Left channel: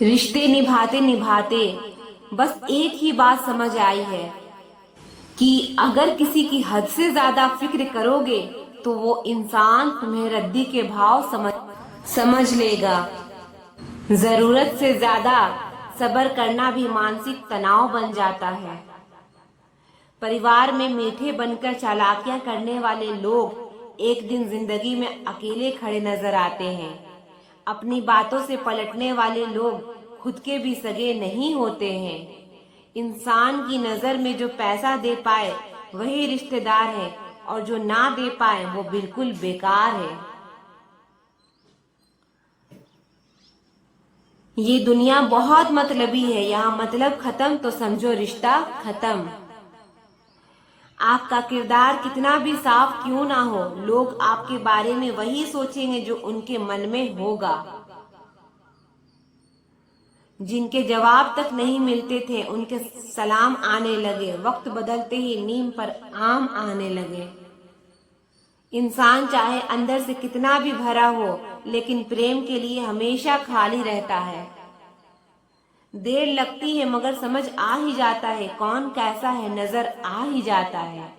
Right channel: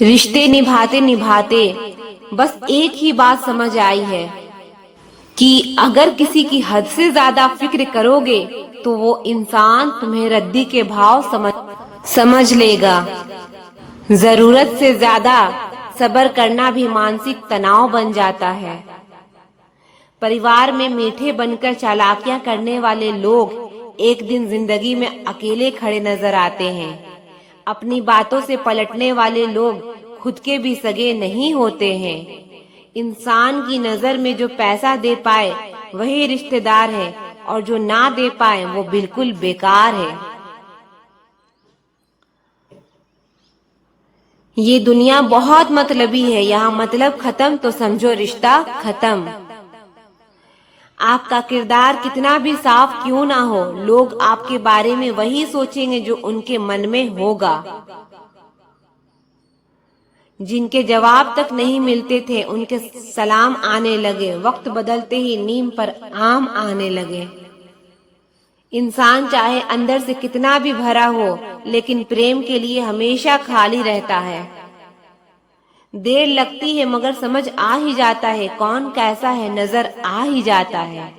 रिश्ते निभाते निभाते बस एक ही बात समझ आई है कि अगर किसी की हद से ज्यादा फिक्र करोगे तो वो इंसान तुम्हें रद्दी के भाव समझ लेगा। जरूरत से ज्यादा सब्र करना भी मानसिक तनाव बन जाता है। परिवार में मीठे बनकर चालाकियां करने वाले लोग एक दिन जिंदगी में अकेले खड़े नजर आते हैं। अपनी बातों से पलटने वाले लोग खुद के भी सगे नहीं होते हैं। इंसान की नजर में जो पैसा दे पाए वही रिश्तेदार है और जो ना दे पाए वो बिल्कुल बेकार है। ये दुनिया बहुत मतलबी है, यहाँ मतलब खत्म तो समझो रिश्ता खत्म। आपका किरदार कितना भी साफ क्यों ना हो, लोग आपके बारे में वही सोचेंगे जो उनके मन में होगा। जिनके जवाब तक नहीं मिलते थे उनके सलाम आने लगे, वक्त बदलते ही नीम पर आम आने लगे। इंसान चाहे अंदर से कितना भी भरा हो लेकिन प्रेम के लिए हमेशा खाली रहता है। देर लगती है मगर समझ आ ही जाता है कौन कैसा है, नजर आ ही जाता है।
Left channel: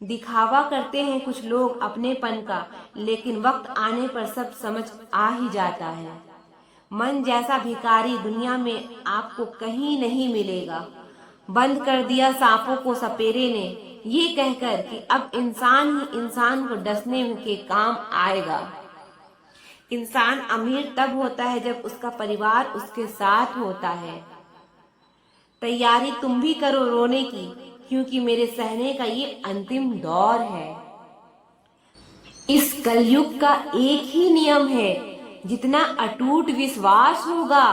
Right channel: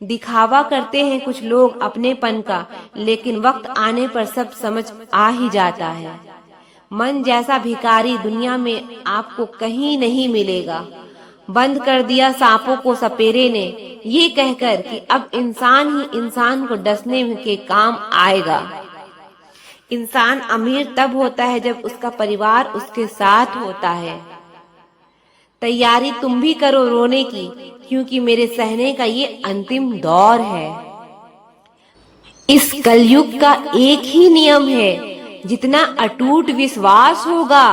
दिखावा करते हैं कुछ लोग अपनेपन का, लेकिन वक्त आने पर सब समझ आ ही जाता है। मन जैसा भिखारी दुनिया में आपको कहीं नहीं मिलेगा। बंद कर दिया सांपों को सपेरे ने, ये कहकर कि अब इंसान ही इंसान को डसने के काम आएगा। इंसान अमीर तब होता है जब उसका परिवार उसके साथ होता है। तैयारी तुम भी करो रोने की, क्योंकि मेरे सहने का ये अंतिम दौर है। इस कलयुग का एक ही नियम है, जितना अटूट विश्वास होगा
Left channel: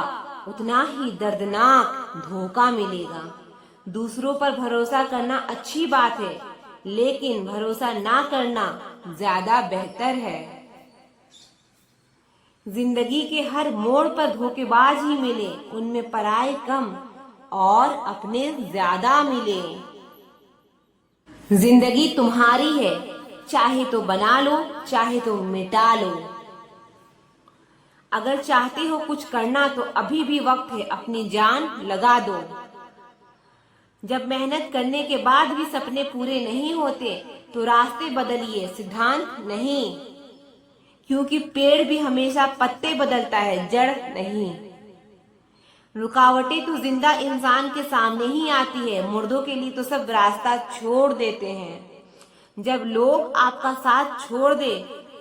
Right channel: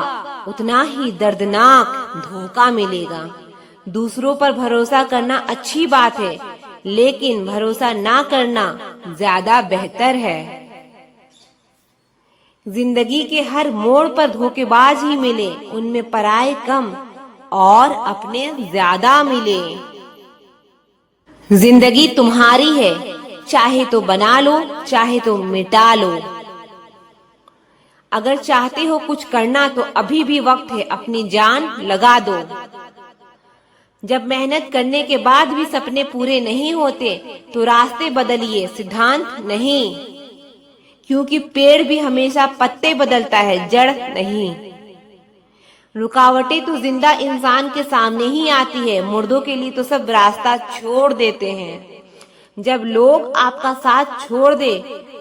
उतना ही दर्दनाक धोखा मिलेगा। दूसरों पर भरोसा करना अच्छी बात है, लेकिन भरोसा ना करना ज्यादा बेहतर है। जिंदगी के हर मोड़ पर धोखेबाज ही मिले, उनमें पराये कम और अपने ज्यादा मिले। जिंदगी तुम्हारी है, चाहे तो बना लो चाहे तो मिटा लो। अगर चाहते हो कुछ करना तो अभी भी वक्त है, अपनी जान लगा दो। जब मेहनत करने के बाद भी सपने पूरे नहीं होते तो रास्ते बदलिए, सिद्धांत नहीं। क्योंकि पेड़ भी हमेशा पत्ते बदलता है, जड़ नहीं। रुकावटें तो जिंदा इंसान के सामने ही आती है, मुर्दों के लिए तो सब रास्ता छोड़ देते हैं। जब लोग आपका साथ छोड़ दे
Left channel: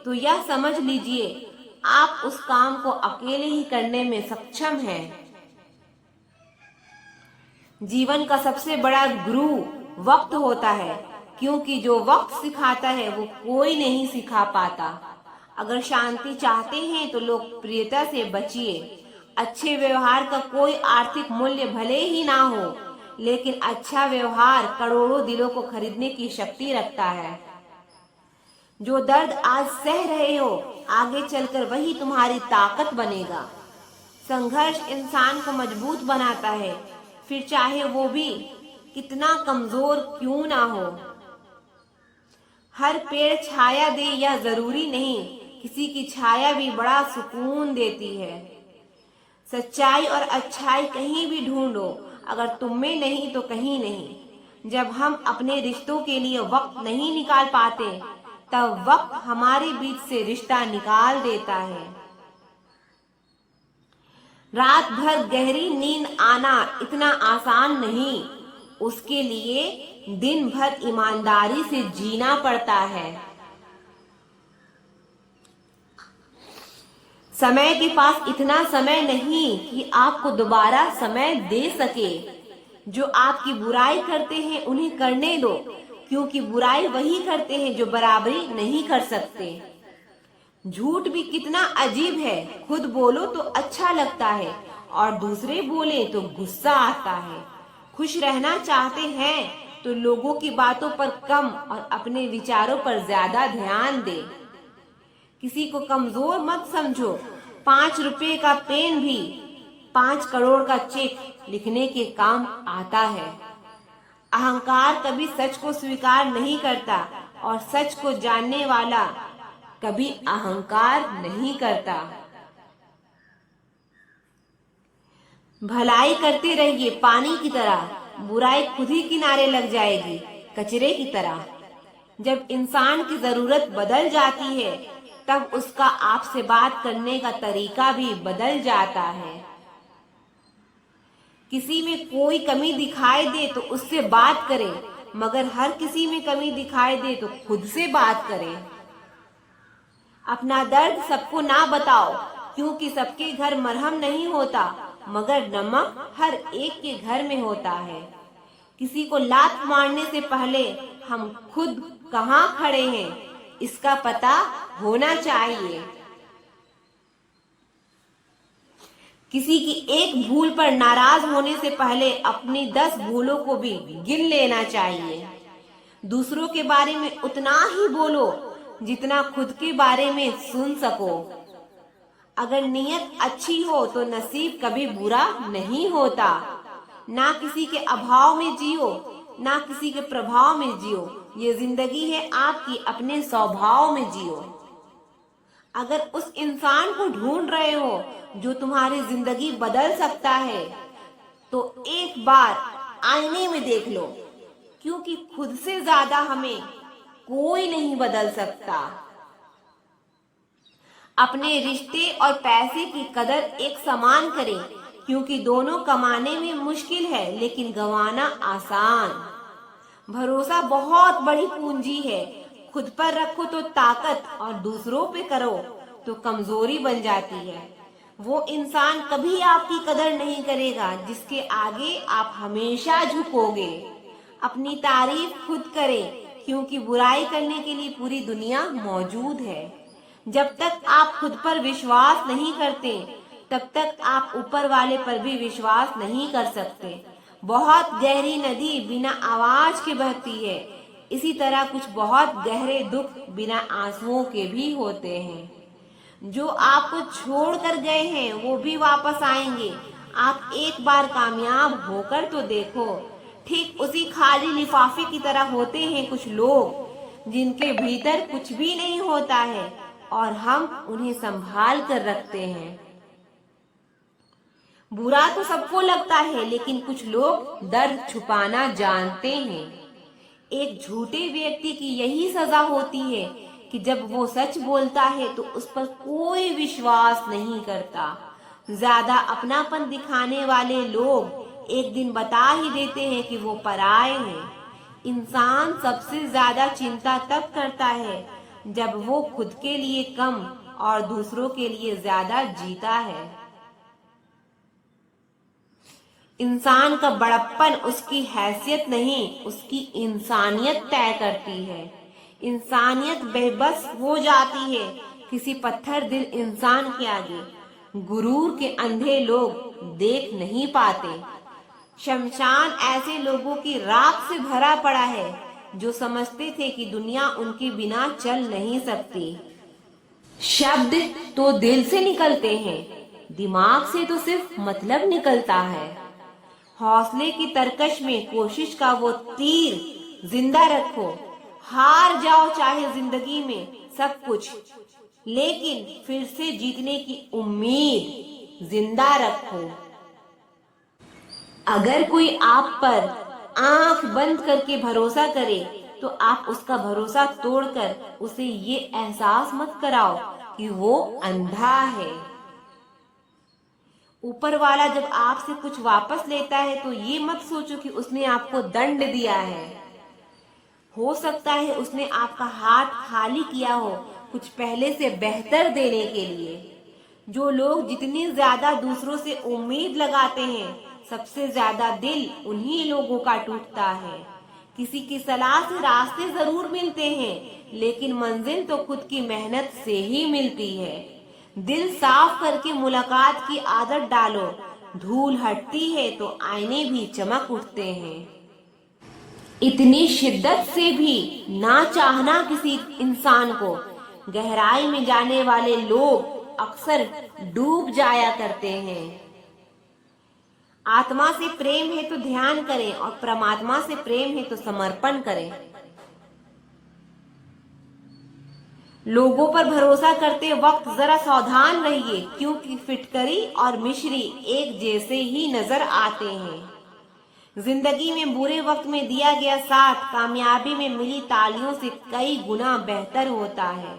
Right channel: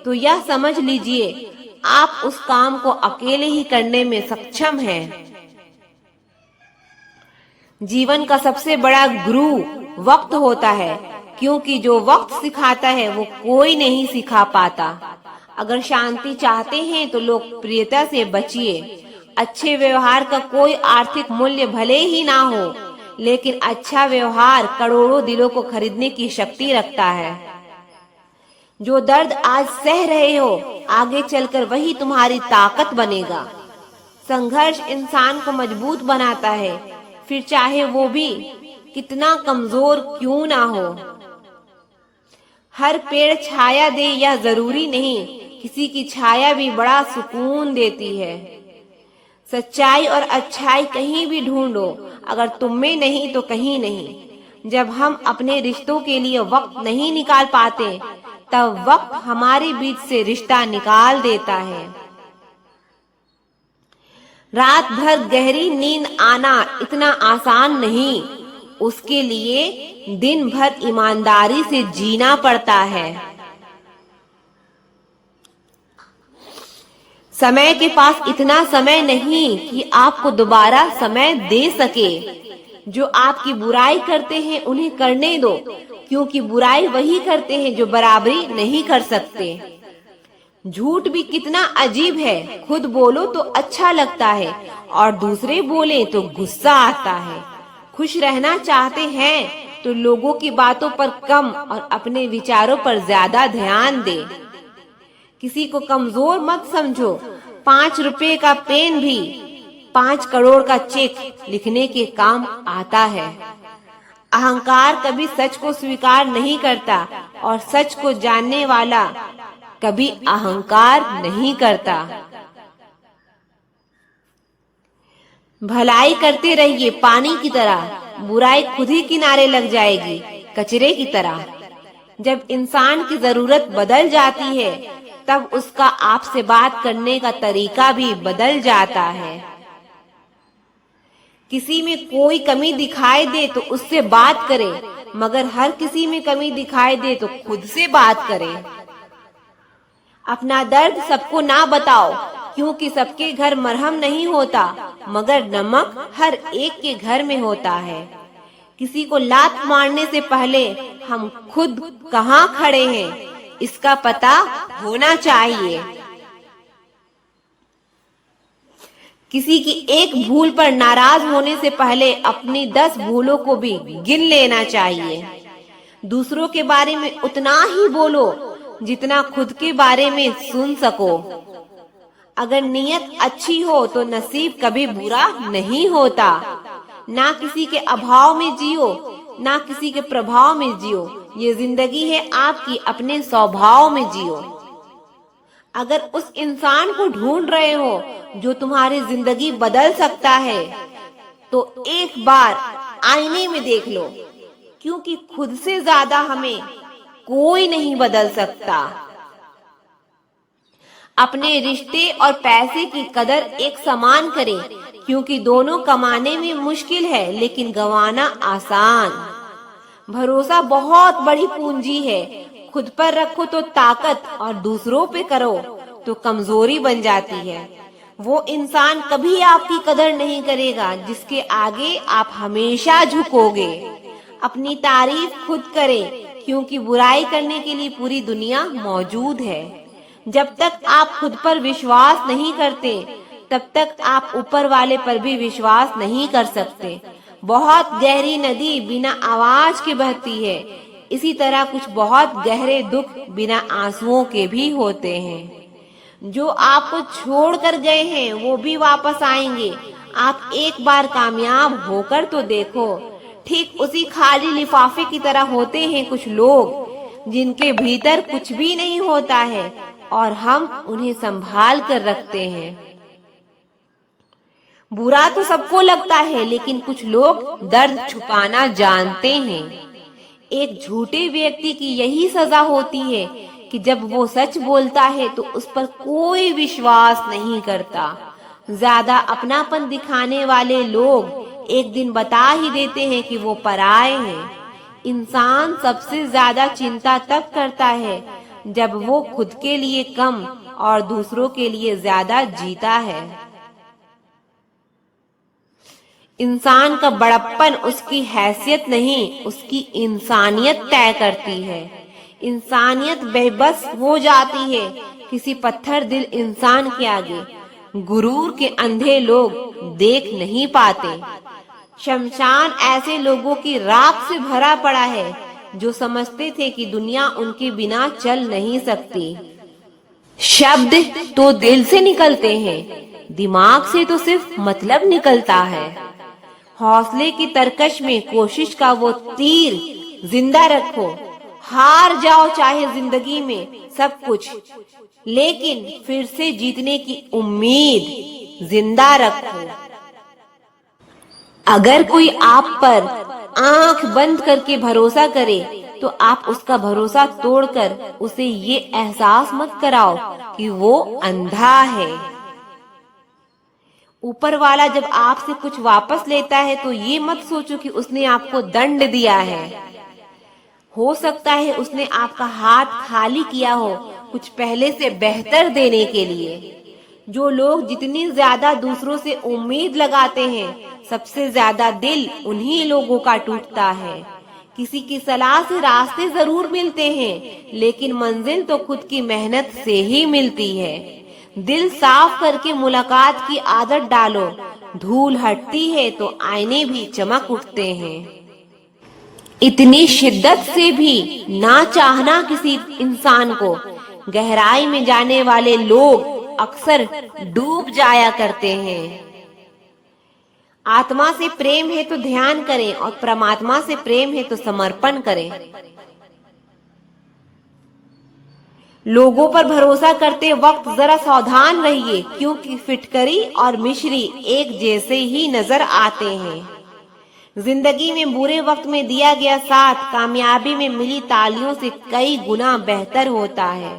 तो यह समझ लीजिए आप उस काम को अकेले ही करने में सक्षम हैं। जीवन का सबसे बड़ा गुरु वक्त होता है, क्योंकि जो वक्त सिखाता है वो कोई नहीं सिखा पाता। अगर शांति चाहते हैं तो लोकप्रियता से बचिए। अच्छे व्यवहार का कोई आर्थिक मूल्य भले ही ना हो, लेकिन अच्छा व्यवहार करोड़ों दिलों को खरीदने की शक्ति रखता है। जो दर्द आज सह रहे हो आगे चलकर वही तुम्हारी ताकत बनेगा। संघर्ष इंसान को मजबूत बनाता है, फिर चाहे वो भी कितना कमजोर क्यों ना हो। हर पेड़ छाया दे यह जरूरी नहीं, किसी की छाया भी बड़ा सुकून देती है। सच्चाई और अच्छाई कहीं भी ढूंढो, अगर तुम में नहीं तो कहीं नहीं। जब हम अपने रिश्तों के लिए वक्त नहीं निकाल पाते तब वक्त हमारे बीच से रिश्ता निकाल देता है। रात भर गहरी नींद आना इतना आसान नहीं, उसके लिए दिन भर ईमानदारी से जीना पड़ता है। समय के पास इतना समय नहीं कि आपको दोबारा समय दे सके। जो आपकी बुराई करते हैं उन्हें करने दो, क्योंकि बुराई वही करते हैं जो बराबरी नहीं कर सकते। झूठ भी कितना अजीब है, खुद बोलो तो अच्छा लगता है और दूसरे बोले तो गुस्सा आता है। खुश रहना चाहते हैं तो लोगों की बातों पर कम और अपने विचारों पर ज्यादा ध्यान दे। किसी को कमजोर मत समझो, 5 रुपए का पेन भी 5 करोड़ का चेक लिखने के काम आता है। अहंकार कभी सच को स्वीकार नहीं करता और सच को जानने वाला कभी अहंकार नहीं करता। भलाई करते रहिए पानी की तरह, बुराई खुद ही किनारे लग जाएगी कचरे की तरह। जब इंसान की जरूरत बदल जाती है तब उसका आपसे बात करने का तरीका भी बदल जाता है। किसी में कोई कमी दिखाई दे तो उससे बात करें, मगर हर किसी में कमी दिखाई दे तो खुद से बात करें। अपना दर्द सबको ना बताओ, क्योंकि सबके घर मरहम नहीं होता, मगर नमक हर एक के घर में होता है। किसी को लात मारने से पहले हम खुद कहाँ खड़े हैं, इसका पता होना चाहिए। किसी की एक भूल पर नाराज होने से पहले अपनी 10 भूलों को भी गिन लेना चाहिए। दूसरों के बारे में उतना ही बोलो जितना खुद के बारे में सुन सको। अगर नीयत अच्छी हो तो नसीब कभी बुरा नहीं होता। ना किसी के अभाव में जियो, ना किसी के प्रभाव में जियो। ये जिंदगी है आपकी, अपने स्वभाव में जियो। अगर उस इंसान को ढूंढ रहे हो जो तुम्हारी जिंदगी बदल सकता है, तो एक बार आईने में देख लो, क्योंकि खुद से ज्यादा हमें कोई नहीं बदल सकता। अपने रिश्ते और पैसे की कदर एक समान करें, क्योंकि दोनों कमाने में मुश्किल है लेकिन गंवाना आसान। भरोसा बहुत बड़ी पूंजी है। खुद पर रखो तो ताकत और दूसरों पे करो तो कमजोरी बन जाती है। वो इंसान कभी आपकी कदर नहीं करेगा जिसके आगे आप हमेशा झुकोगे। अपनी तारीफ खुद करें, क्योंकि बुराई करने के लिए पूरी दुनिया मौजूद है। जब तक आप खुद पर विश्वास नहीं करते तब तक आप ऊपर वाले पर भी विश्वास नहीं कर सकते। बहुत गहरी नदी बिना आवाज के बहती है, इसी तरह कुछ बहुत गहरे दुख बिना आंसुओं के भी होते हैं। जो आपको छोड़ कर गए हैं वो भी वापस आएंगे। आप एक बार कामयाब होकर तो देखो। ठीक उसी खाली लिफाफे की तरह होते हैं कुछ लोग जिनके भीतर कुछ भी नहीं होता है और हम उन्हें संभाल कर रखते हैं। बुरा तो सबको लगता है, लेकिन कुछ लोग दर्द छुपाना जानते हैं। एक झूठे व्यक्ति की यही सजा होती है कि जब वो सच बोलता है तो उस पर कोई विश्वास नहीं करता। ज्यादा अपनापन दिखाने वाले लोग एक दिन बता ही देते हैं कि वो पराये हैं। इंसान सबसे ज्यादा चिंता तब करता है जब वो खुद के लिए कम और दूसरों के लिए ज्यादा जीता है। इंसान का बड़प्पन उसकी हैसियत नहीं, उसकी इंसानियत तय करती है। इंसानियत बेबस हो जाती है किसी पत्थर दिल इंसान के आगे। गुरूर के अंधे लोग देख नहीं पाते। शमशान ऐसे लोगों की राख से भरा पड़ा है जो समझते थे कि दुनिया उनके बिना चल नहीं सकती। शब्द तो दिल से निकलते हैं, दिमाग से तो सिर्फ मतलब निकलता है। हौसले की तरकश में कोशिश का वो तीर जिंदा रखो। हार जाओ चाहे जिंदगी में सब कुछ, लेकिन फिर से जीतने की उम्मीद जिंदा रखो। अगर कोई आप पर आंख बंद करके भरोसा करे तो आप उसका भरोसा तोड़कर उसे ये एहसास मत कराओ कि वो अंधा है। ऊपर वाला जब आपसे कुछ वापस लेता है तो ये मत सोचो कि उसने आपको दंड दिया है। हो सकता है उसने आपका हाथ खाली किया हो कुछ पहले से बेहतर देने के लिए। जो लोग जितनी ज्यादा दूसरों से उम्मीद लगाते हैं, सबसे ज्यादा दिल उन्हीं लोगों का टूटता है। किसी की सलाह से रास्ते जरूर मिलते हैं, लेकिन मंजिल तो खुद की मेहनत से ही मिलती है। दिल साफ करके मुलाकात की आदत डालो। धूल हटती है तो आईने भी चमक उठते हैं। इतनी शिद्दत से भी ना चाहना किसी इंसान को। गहराई में जाने वाले लोग अक्सर डूब जाया करते हैं। आत्मा से प्रेम है तो ध्यान करें और परमात्मा से प्रेम है तो समर्पण करें। लोगों पर भरोसा करते वक्त जरा सावधान रहिए, क्योंकि फिटकरी और मिश्री एक जैसे ही नजर आते हैं। जिंदगी में बुरे वक्त में दिया गया साथ कामयाबी में मिली तालियों से कई गुना बेहतर होता है।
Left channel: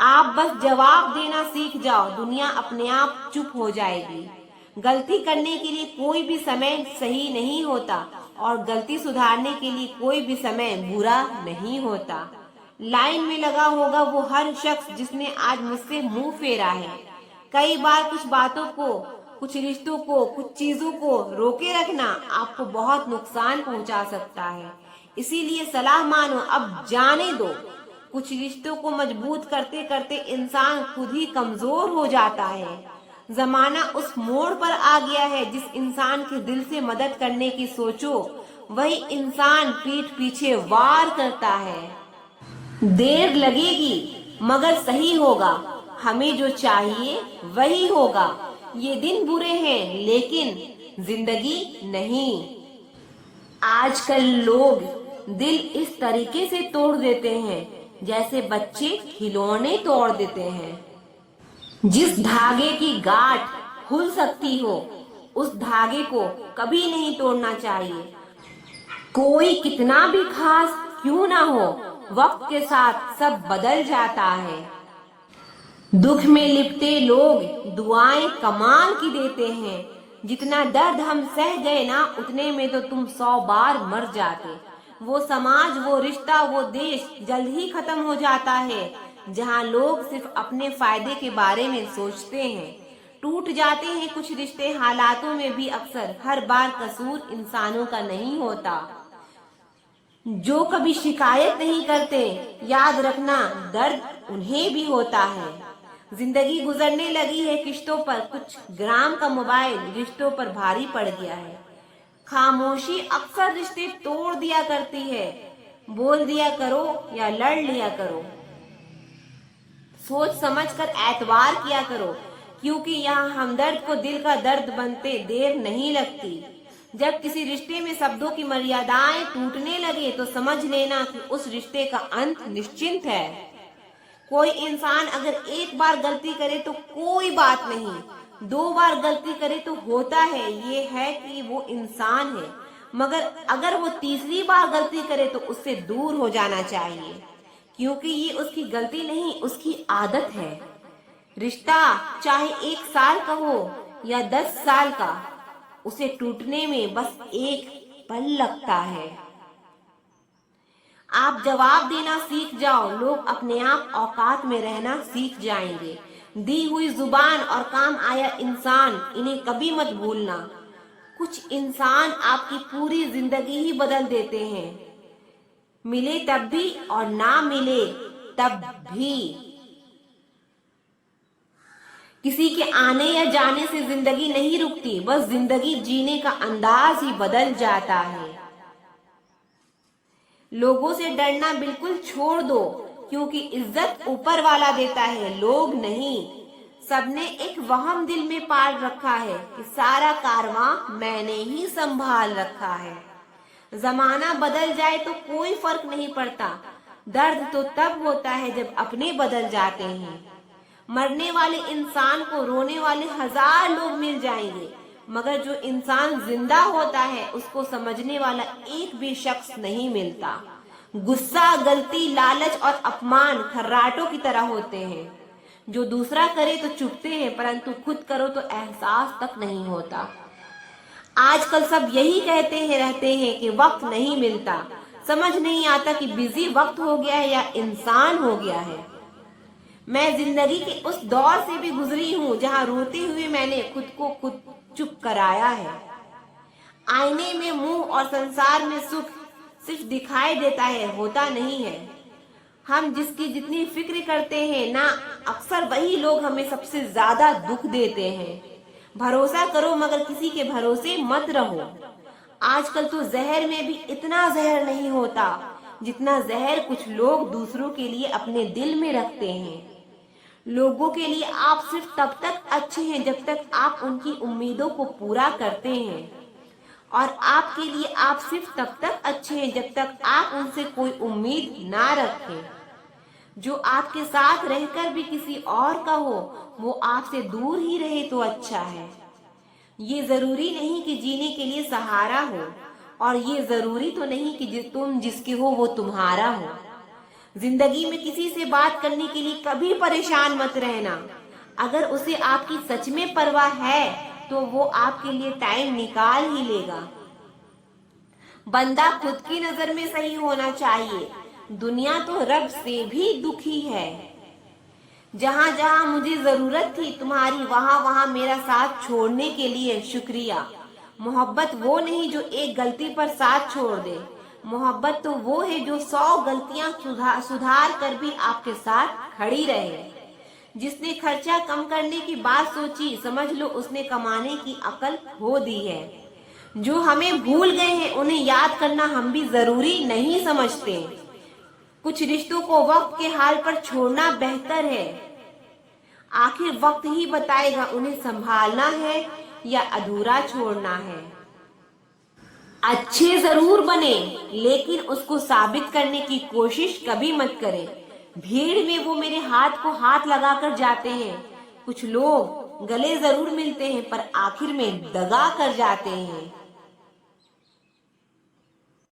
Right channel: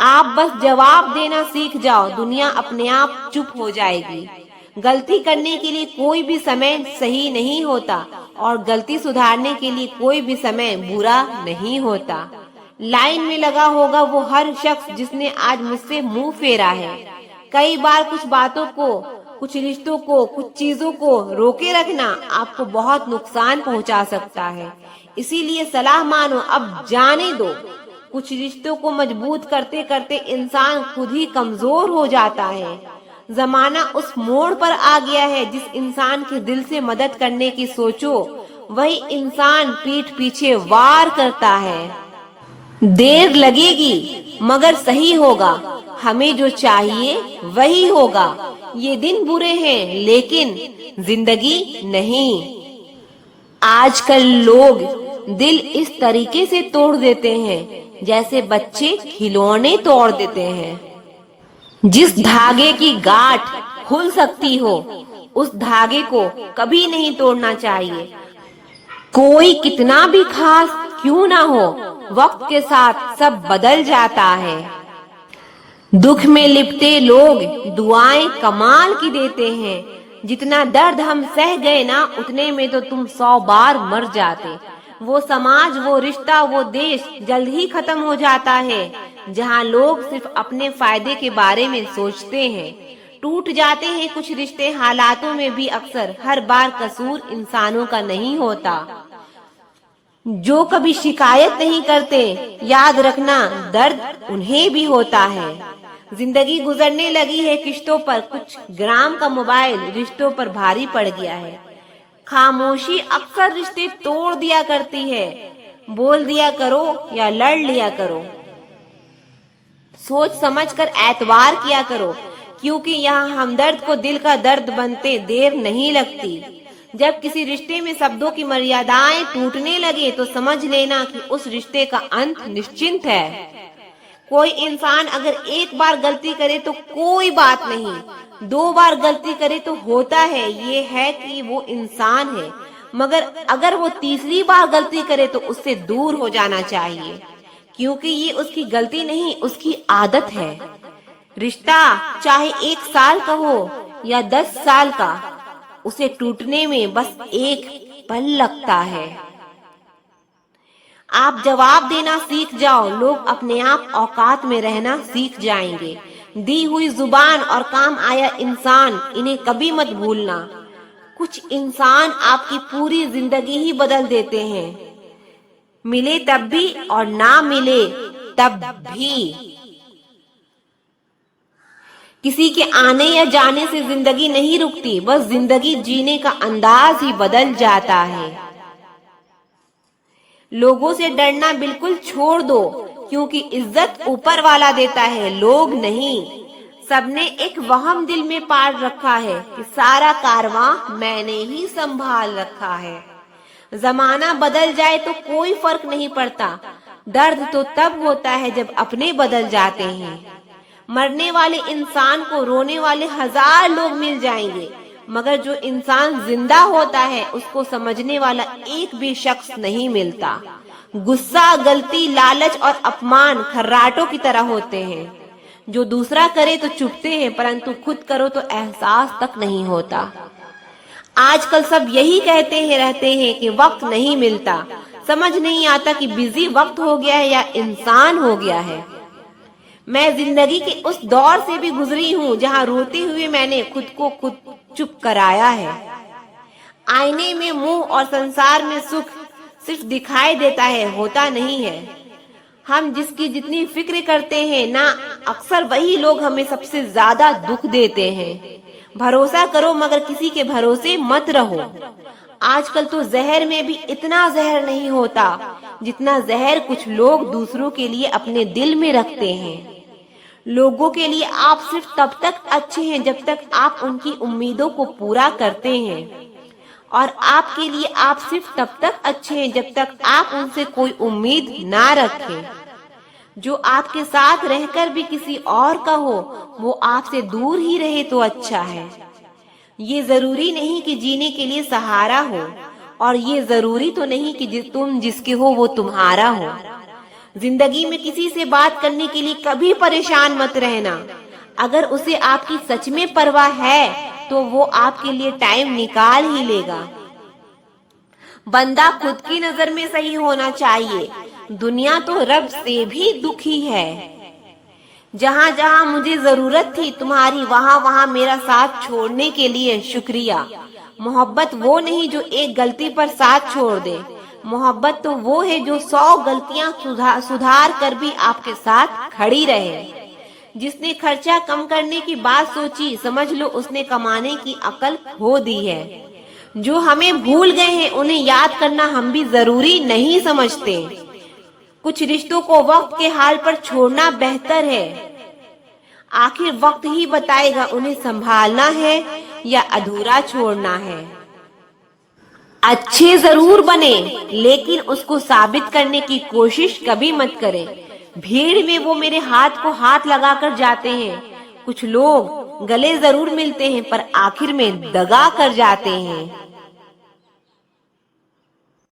आप बस जवाब देना सीख जाओ, दुनिया अपने आप चुप हो जाएगी। गलती करने के लिए कोई भी समय सही नहीं होता और गलती सुधारने के लिए कोई भी समय बुरा नहीं होता। लाइन में लगा होगा वो हर शख्स जिसने आज मुझसे मुंह फेरा है। कई बार कुछ बातों को, कुछ रिश्तों को, कुछ चीजों को रोके रखना आपको बहुत नुकसान पहुंचा सकता है। इसीलिए सलाह मानो, अब जाने दो। कुछ रिश्तों को मजबूत करते करते इंसान खुद ही कमजोर हो जाता है। जमाना उस मोड़ पर आ गया है, जिस इंसान के दिल से मदद करने की सोचो वही इंसान पीठ पीछे वार करता है। देर लगेगी मगर सही होगा, हमें जो चाहिए वही होगा। ये दिन बुरे हैं लेकिन जिंदगी नहीं। आजकल लोग दिल इस तरीके से तोड़ देते हैं जैसे बच्चे खिलौने तोड़ देते हैं। जिस धागे की गांठ खुल सकती हो उस धागे को कभी नहीं तोड़ना चाहिए। कोई कितना भी खास क्यों ना हो, वक्त के साथ सब बदल जाता है। दुख में लिपटे लोग दुआएं कमाल की देते हैं। जितना दर्द हम सह गए ना, उतने में तो तुम 100 बार मर जाते। वो समाज, वो रिश्ता, वो देश जल्द ही खत्म हो जाता है जहाँ लोग सिर्फ अपने फायदे के बारे में सोचते हैं। टूट जाते हैं कुछ रिश्ते हालातों में भी अक्सर। हर बार कसूर इंसानों का नहीं होता। जो कभी शिकायत नहीं करते, याद रखना दर्द उन्हें भी होता है। जिंदगी गुजरने लगी है किश्तों पर, कुछ ग्राम का मोबाइल रिश्तों पर भारी पड़ गया है। खामोशी अक्सर रिश्ते तोड़ दिया करती है। बोल दिया करो या लड़ लिया करो, सोच समझकर एतवार किया करो, क्योंकि यहाँ हमदर्द को दिल का दर्द बनते देर नहीं लगती। जब किसी रिश्ते में शब्दों की मर्यादाएं टूटने लगे तो समझ लेना कि उस रिश्ते का अंत निश्चिंत है। कोई इंसान अगर एक बार गलती करे तो कोई बात नहीं, 2 बार गलती करे तो होता है, ये है कि वो इंसान है। मगर अगर वो तीसरी बार गलती करे तो उससे दूर हो जाना चाहिए, क्योंकि ये उसकी गलती नहीं, उसकी आदत है। रिश्ता चाहे 1 साल का हो या 10 साल का, उसे टूटने में बस एक पल लगता है। आप जवाब देना सीख जाओ, लोग अपने आप औकात में रहना सीख जाएंगे। दी हुई जुबान और काम आया इंसान, इन्हें कभी मत भूलना। कुछ इंसान आपकी पूरी जिंदगी ही बदल देते हैं, मिले तब भी और ना मिले तब भी। किसी के आने या जाने से जिंदगी नहीं रुकती, बस जिंदगी जीने का अंदाज ही बदल जाता है। लोगों से डरना बिल्कुल छोड़ दो, क्योंकि इज्जत ऊपर वाला देता है, लोग नहीं। सबने एक वहम दिल में पाल रखा है कि सारा कारवां मैंने ही संभाल रखा है। जमाना बदल जाए तो कोई फर्क नहीं पड़ता, दर्द तो तब होता है जब अपने बदल जाते हैं। मरने वाले इंसान को रोने वाले 1000 लोग मिल जाएंगे, मगर जो इंसान जिंदा होता है उसको समझने वाला एक भी शख्स नहीं मिलता। गुस्सा, गलती, लालच और अपमान खर्राटों की तरह होते हैं। जो दूसरा करे तो चुपते हैं, परंतु खुद करो तो एहसास तक नहीं होता। आजकल सब यही कहते हैं रहते हैं कि वक्त नहीं मिलता। समझ नहीं आता कि बिजी वक्त हो गया है या इंसान हो गया है। मैं जिंदगी के उस दौर से भी गुजरी हूँ जहाँ रोते हुए मैंने खुद को खुद चुप कराया है। आईने में मुंह और संसार में सुख सिर्फ दिखाई देता है, होता नहीं है। हम जिसकी जितनी फिक्र करते हैं ना, अक्सर वही लोग हमें सबसे ज्यादा दुख देते हैं। भरोसा करो मगर किसी के भरोसे मत रहो। आजकल तो जहर में भी इतना जहर नहीं होता जितना जहर कुछ लोग दूसरों के लिए अपने दिल में रखते हैं। लोगों के लिए आप सिर्फ तब तक अच्छे हैं जब तक आप उनकी उम्मीदों को पूरा करते हैं, और आपके लिए आप सिर्फ तब तक अच्छे हैं जब तक आप उनसे कोई उम्मीद ना रखें। जो आपके साथ रहकर भी किसी और का हो, वो आपसे दूर ही रहे तो अच्छा है। ये जरूरी नहीं कि जीने के लिए सहारा हो, और ये जरूरी तो नहीं कि तुम जिसके हो वो तुम्हारा हो। जिंदगी में किसी से बात करने के लिए कभी परेशान मत रहना। अगर उसे आपकी सच में परवाह है तो वो आपके लिए टाइम निकाल ही लेगा। बंदा खुद की नजर में सही होना चाहिए। दुनिया तो रब से भी दुखी है। जहाँ जहाँ मुझे जरूरत थी तुम्हारी, वहाँ वहाँ मेरा साथ छोड़ने के लिए शुक्रिया। मोहब्बत वो नहीं जो एक गलती पर साथ छोड़ दे। मोहब्बत तो वो है जो 100 गलतियां सुधार कर भी आपके साथ खड़ी रहे। जिसने खर्चा कम करने की बात सोची, समझ लो उसने कमाने की अकल खो दी है। जो हमें भूल गए हैं उन्हें याद करना हम भी जरूरी नहीं समझते। कुछ रिश्तों को वक्त के हाल पर छोड़ना बेहतर है। आखिर वक्त ही बताएगा उन्हें संभालना है या अधूरा छोड़ना है। अच्छे जरूर बने, लेकिन उसको साबित करने की कोशिश कभी मत करें। भीड़ में वो मेरे हाथ को हाथ लगाकर जाते हैं। कुछ लोग गले जरूर मिलते हैं पर आखिर में दगा कर जाते हैं।